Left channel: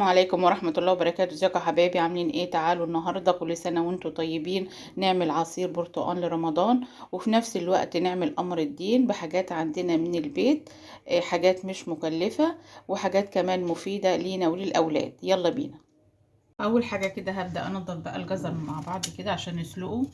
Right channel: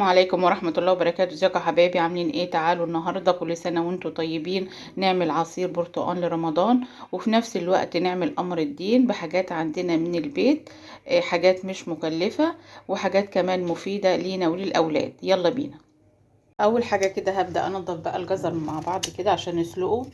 السلام عليكم ورحمة الله وبركاته. ازيكم يا حبايبي؟ عاملين ايه؟ تعالوا النهاردة كل سنة وانتم طيبين نعمل عصير برتقال لرمضان، وفي نفس الوقت نعمل قمر الدين بحاجات عندنا من البيت. حاجات مش مكلفة وحاجات كمان مفيدة لينا وللأولاد. يلا بينا. أول حاجة كده هبدأ أنضف بقى الجزر مع بعض كده عشان نسلقه.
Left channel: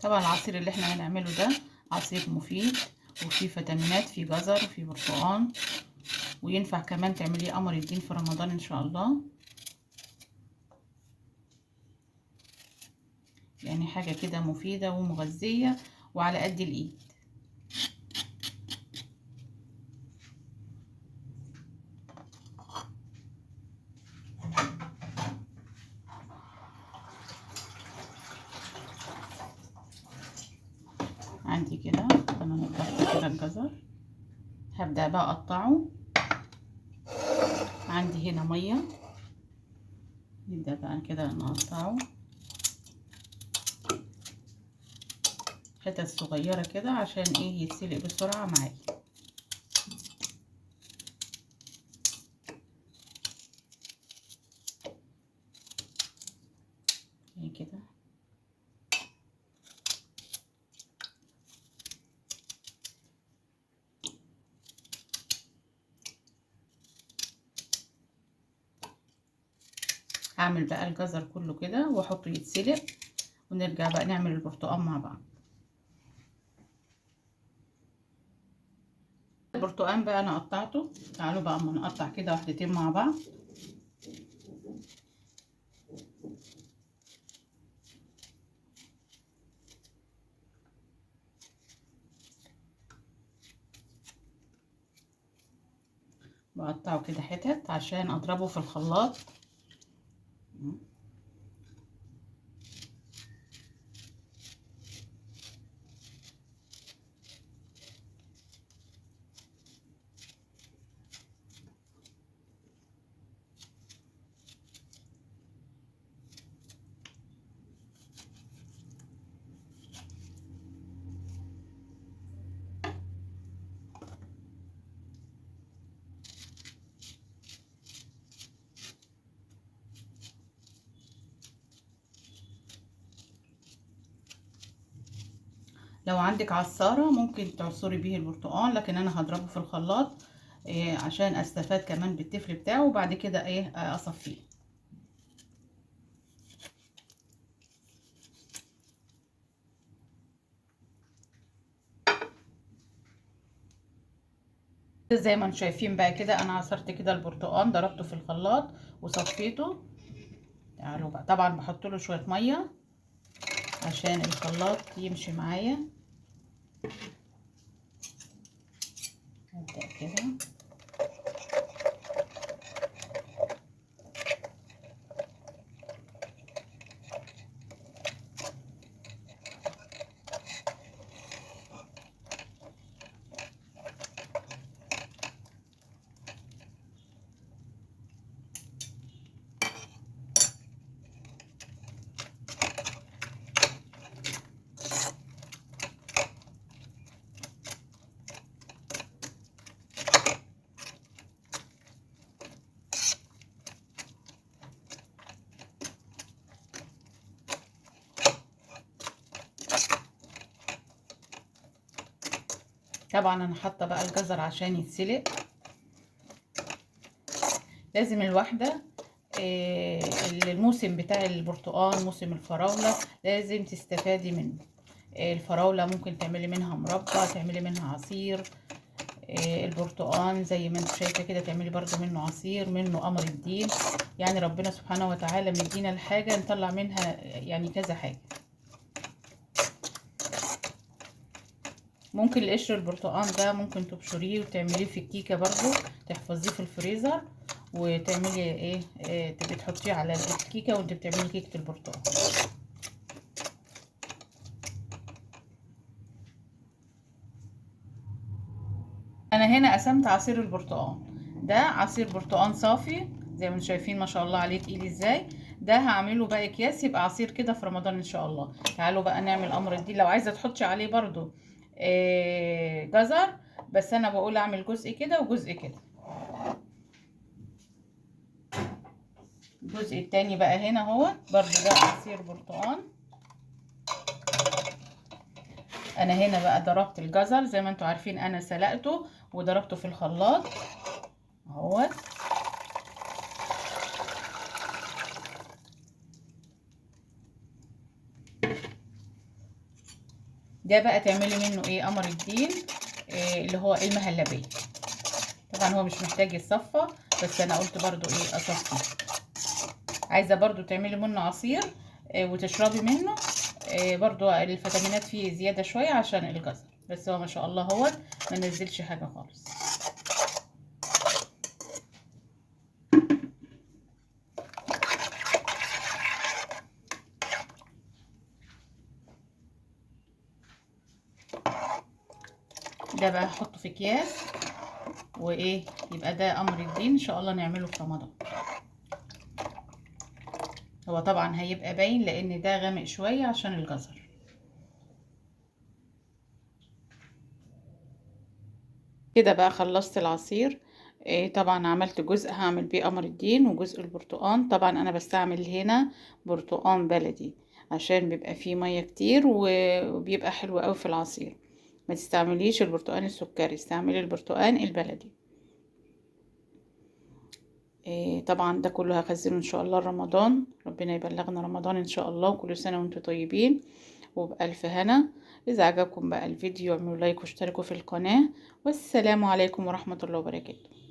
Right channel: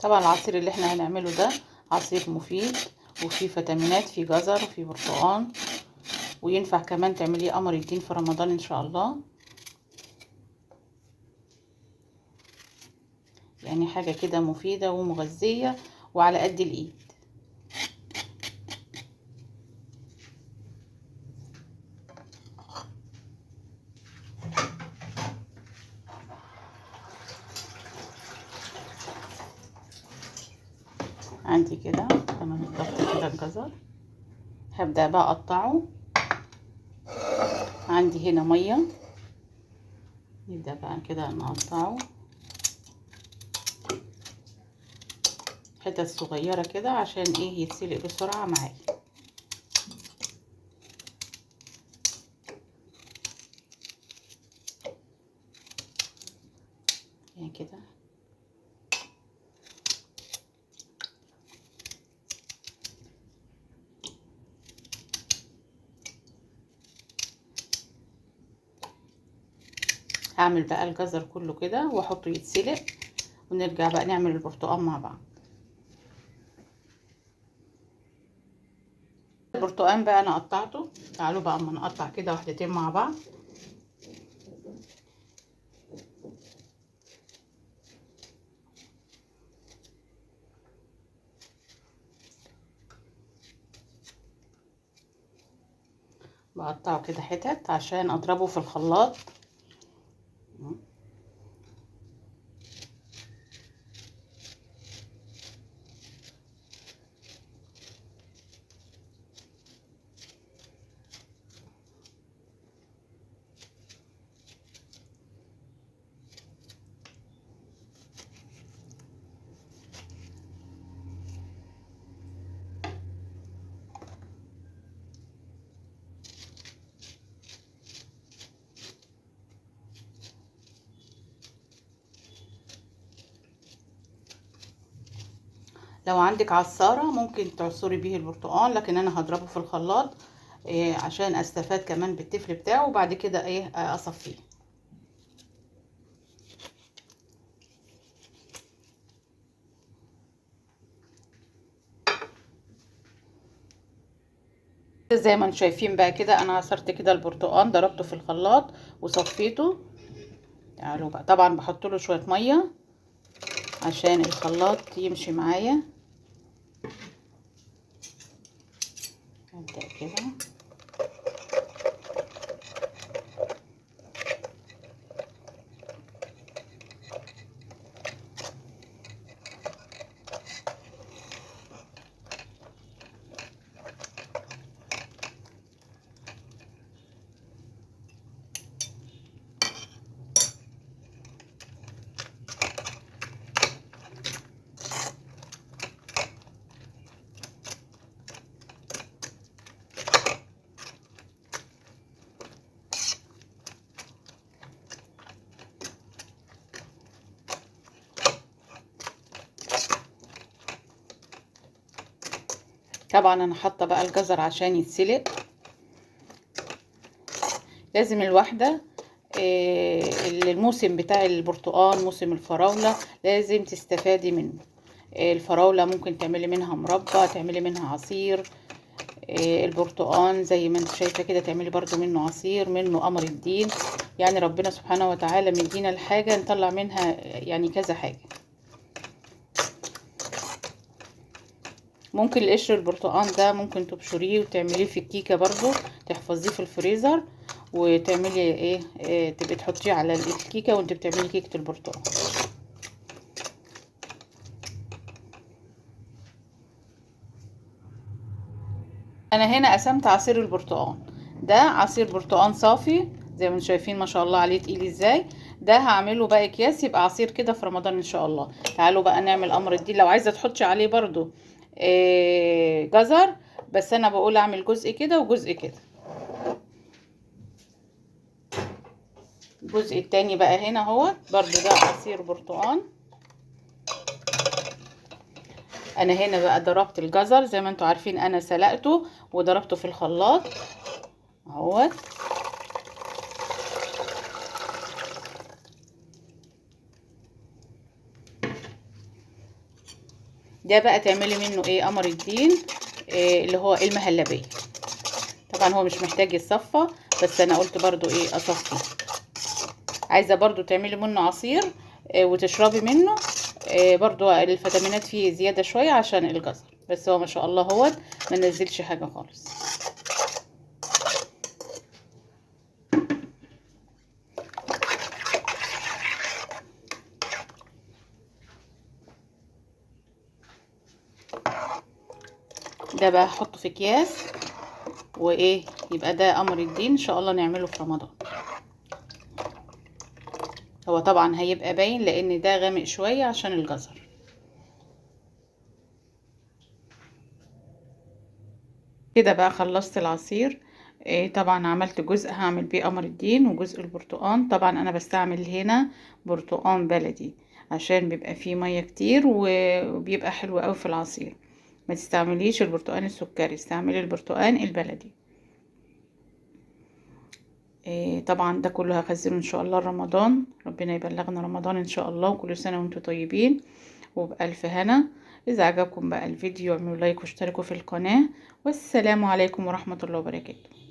طبعا العصير اللي احنا هنعمله ده عصير مفيد وفيه فيتامينات، فيه جزر وفيه برتقال، وينفع كمان تعمليه قمر الدين في رمضان ان شاء الله. يعني حاجة كده مفيدة ومغذية وعلى قد الايد. عندي كده انا نضفت كده الجزر، هبدأ بقى اقطعه. عندي هنا مية، نبدأ بقى كده نقطعه حتت صغيرة كده عشان ايه يتسلق بسرعة معايا. يعني كده هعمل بقى الجزر كله كده واحطه يتسلق، ونرجع بقى نعمل البرتقال مع بعض. البرتقال بقى انا قطعته، تعالوا بقى اما نقطع كده واحدتين مع بعض. بقطعه كده حتت عشان اضربه في الخلاط. لو عندك عصارة ممكن تعصري بيه البرتقال، لكن انا هضربه في الخلاط عشان استفاد كمان بالتفل بتاعه، وبعد كده اصفيه. زي ما انتم شايفين بقى كده انا عصرت كده البرتقال، ضربته في الخلاط وصفيته. تعالوا بقى طبعا بحط له شويه ميه عشان الخلاط يمشي معايا. هبدأ كده طبعا انا حاطه بقى الجزر عشان يتسلق. لازم الواحده الموسم بتاع البرتقال موسم الفراولة لازم تستفادي منه. الفراولة ممكن تعملي منها مربى، تعملي منها عصير. البرتقال زي ما انت شايفة كده تعملي برضو منه عصير، منه قمر الدين. يعني ربنا سبحانه وتعالى مدينا الحاجة نطلع منها يعني كذا حاجة. ممكن القشر البرتقال ده ممكن تبشريه وتعمليه في الكيكة برضو، تحفظيه في الفريزر وتعملي تبقي تحطيه على الكيكة وانت بتعملي كيكة البرتقال. انا هنا قسمت عصير البرتقال، ده عصير برتقان صافي زي ما انتم شايفين ما شاء الله عليه تقيل ازاي. ده هعمله بقى اكياس يبقى عصير كده في رمضان ان شاء الله. تعالوا بقى نعمل امر الدين. لو عايزه تحطي عليه برضو جزر، بس انا بقول اعمل جزء كده وجزء كده. الجزء التاني بقى هنا اهو برضو ده عصير برتقان. انا هنا بقى ضربت الجزر زي ما انتم عارفين، انا سلقته وضربته في الخلاط اهوت. ده بقى تعملي منه ايه قمر الدين، اللي هو المهلبية. طبعا هو مش محتاج يتصفى، بس انا قلت برضو ايه اصفى. عايزة برضو تعملي منه عصير وتشربي منه. برضو الفيتامينات فيه زيادة شوية عشان الجزر، بس هو ما شاء الله هو ما نزلش حاجة خالص. ده بقى هحطه في اكياس وايه، يبقى ده امر الدين ان شاء الله نعمله في رمضان. هو طبعا هيبقى باين لان ده غامق شوية عشان الجزر. كده بقى خلصت العصير. طبعا عملت جزء هعمل بيه قمر الدين وجزء البرتقان. طبعا انا بستعمل هنا برتقان بلدي عشان بيبقى فيه مية كتير وبيبقى حلو قوي في العصير. ما تستعمليش البرتقان السكري، استعملي البرتقان البلدي. طبعا ده كله هخزنه ان شاء الله رمضان. ربنا يبلغنا رمضان ان شاء الله، وكل سنة وانتم طيبين وبألف هنا. إذا عجبكم بقى الفيديو اعملوا لايك واشتركوا في القناة، والسلام عليكم ورحمة الله وبركاته.